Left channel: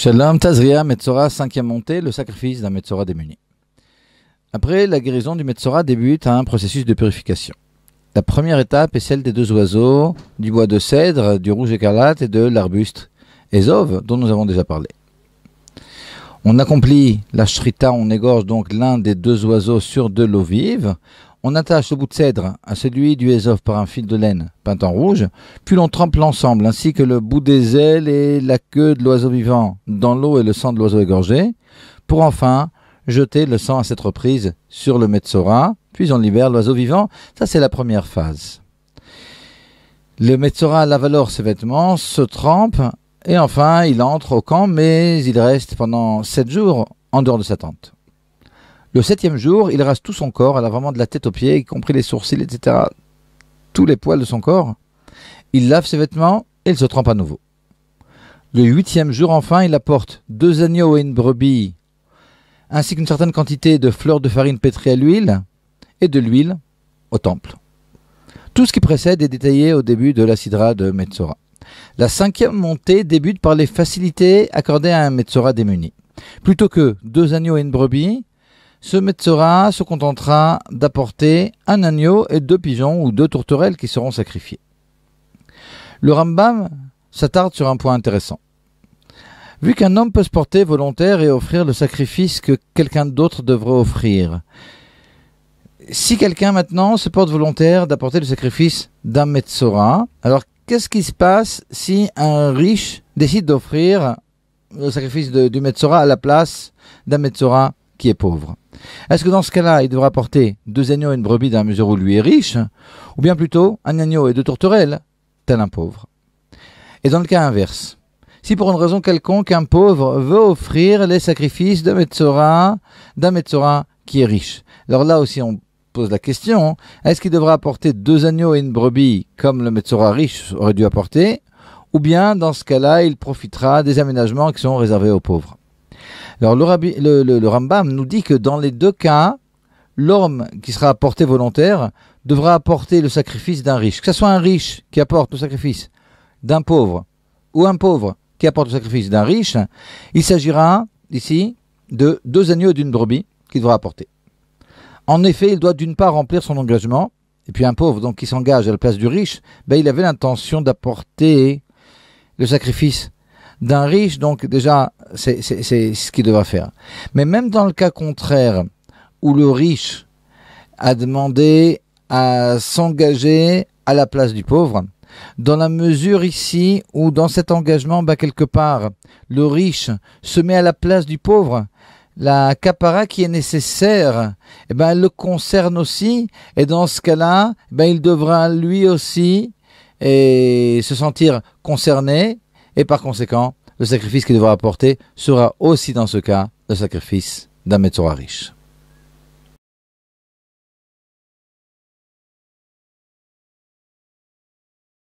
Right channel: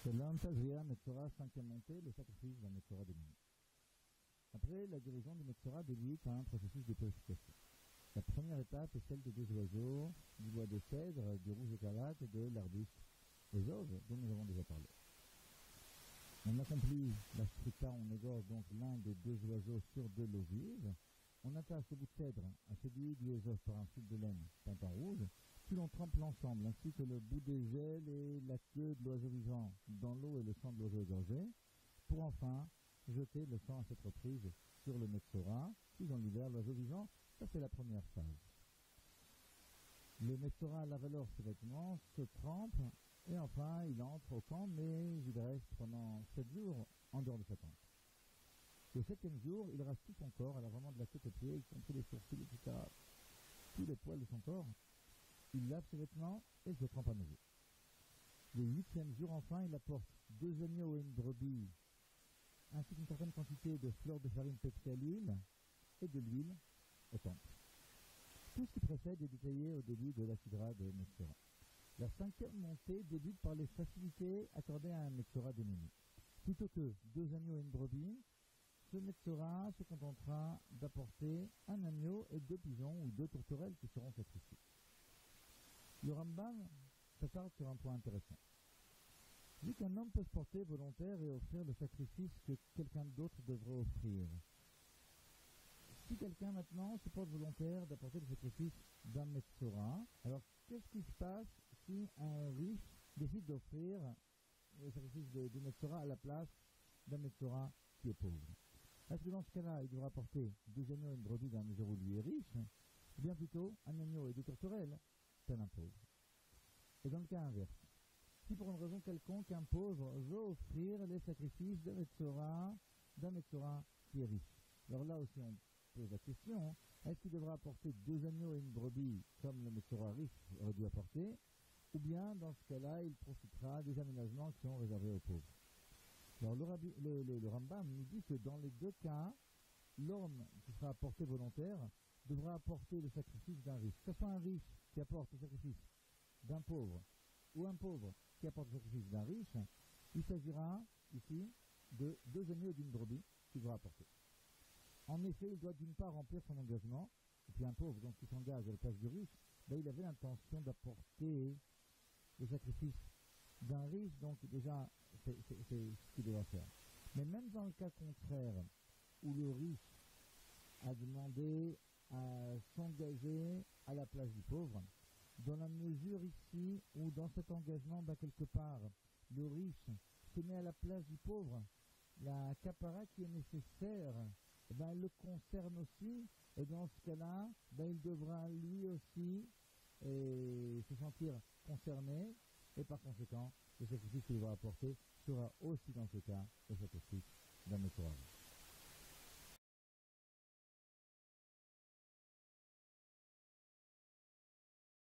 Shalom, Tazria, Metzora, cinquième montée, le sacrifice d'un Metzora démuni. Après, la guérison du Metzora débute un processus de purification. La première étape est celle des deux oiseaux, du bois de cèdre, du rouge écarlate et de l'arbuste Ezov, dont nous avons déjà parlé. On accomplit la shrita, on égorge donc l'un des deux oiseaux sur de l'eau vive. On attache le bout de cèdre à celui du Ezov par un fil de laine peint en rouge, puis l'on trempe l'ensemble, ainsi que le bout des ailes et la queue de l'oiseau vivant dans l'eau et le sang de l'oiseau égorgé, pour enfin jeter le sang à cette reprise sur le Metzora, puis on libère l'oiseau vivant. Ça, c'est la première phase. Le Metzora lave alors ses vêtements, se trempe, et enfin, il entre au camp, mais il reste pendant 7 jours en dehors de sa tente. Le 7e jour, il rase tout son corps, elle a vraiment de la tête aux pieds, y compris les sourcils, etc. Tous les poils de son corps. Il lave ses vêtements et il se trempe à nouveau. Le 8e jour, enfin, il apporte 2 agneaux et une brebis, ainsi qu'une certaine quantité de fleurs de farine pétrie à l'huile et de l'huile au temple. Tout ce qui précède est détaillé au début de la sidra de Metzora. La 5e montée débute par les facilités accordées à un Metzora démuni. Plutôt que 2 agneaux et une brebis, ce Metzora se contentera d'apporter un agneau et 2 pigeons ou 2 tourterelles qui seront sacrifiés. Le Rambam s'attarde sur un point intéressant. Vu qu'un homme peut se porter volontaire et offrir le sacrifice que quelqu'un d'autre devrait offrir, si quelqu'un maintenant se porte volontaire d'apporter le sacrifice d'un Metzora, alors qu'est-ce qui se passe si un riche décide d'offrir le sacrifice du Metzora à la place d'un Metzora qui est pauvre? Est-ce que dans ce cas-là, il devra apporter 2 agneaux et une brebis dans la mesure où lui est riche, ou bien plutôt un agneau et 2 tourterelles, tel un pauvre? Et dans le cas inverse, si pour une raison quelconque, un pauvre veut offrir les sacrifices d'un Metzora qui est riche, alors là aussi on pose la question, est-ce qu'il devra apporter 2 agneaux et une brebis comme le Metzora riche aurait dû apporter, ou bien dans ce cas-là, il profitera des aménagements qui sont réservés aux pauvres? Alors le Rambam nous dit que dans les 2 cas, l'homme qui sera apporté volontaire devra apporter le sacrifice d'un riche. Que ce soit un riche qui apporte le sacrifice d'un pauvre ou un pauvre qui apporte le sacrifice d'un riche, il s'agira ici de 2 agneaux et d'une brebis qu'il devra apporter. En effet, il doit d'une part remplir son engagement, et puis un pauvre donc qui s'engage à la place du riche, il avait l'intention d'apporter le sacrifice d'un riche, donc déjà c'est ce qu'il devra faire. Mais même dans le cas contraire, où le riche a demandé à s'engager à la place du pauvre, dans la mesure ici où dans cet engagement, quelque part, le riche se met à la place du pauvre, la kapara qui est nécessaire, elle le concerne aussi, et dans ce cas-là, il devra lui aussi se sentir concerné, et par conséquent, le sacrifice qu'il devra apporter sera aussi dans ce cas le sacrifice d'un Metzora riche.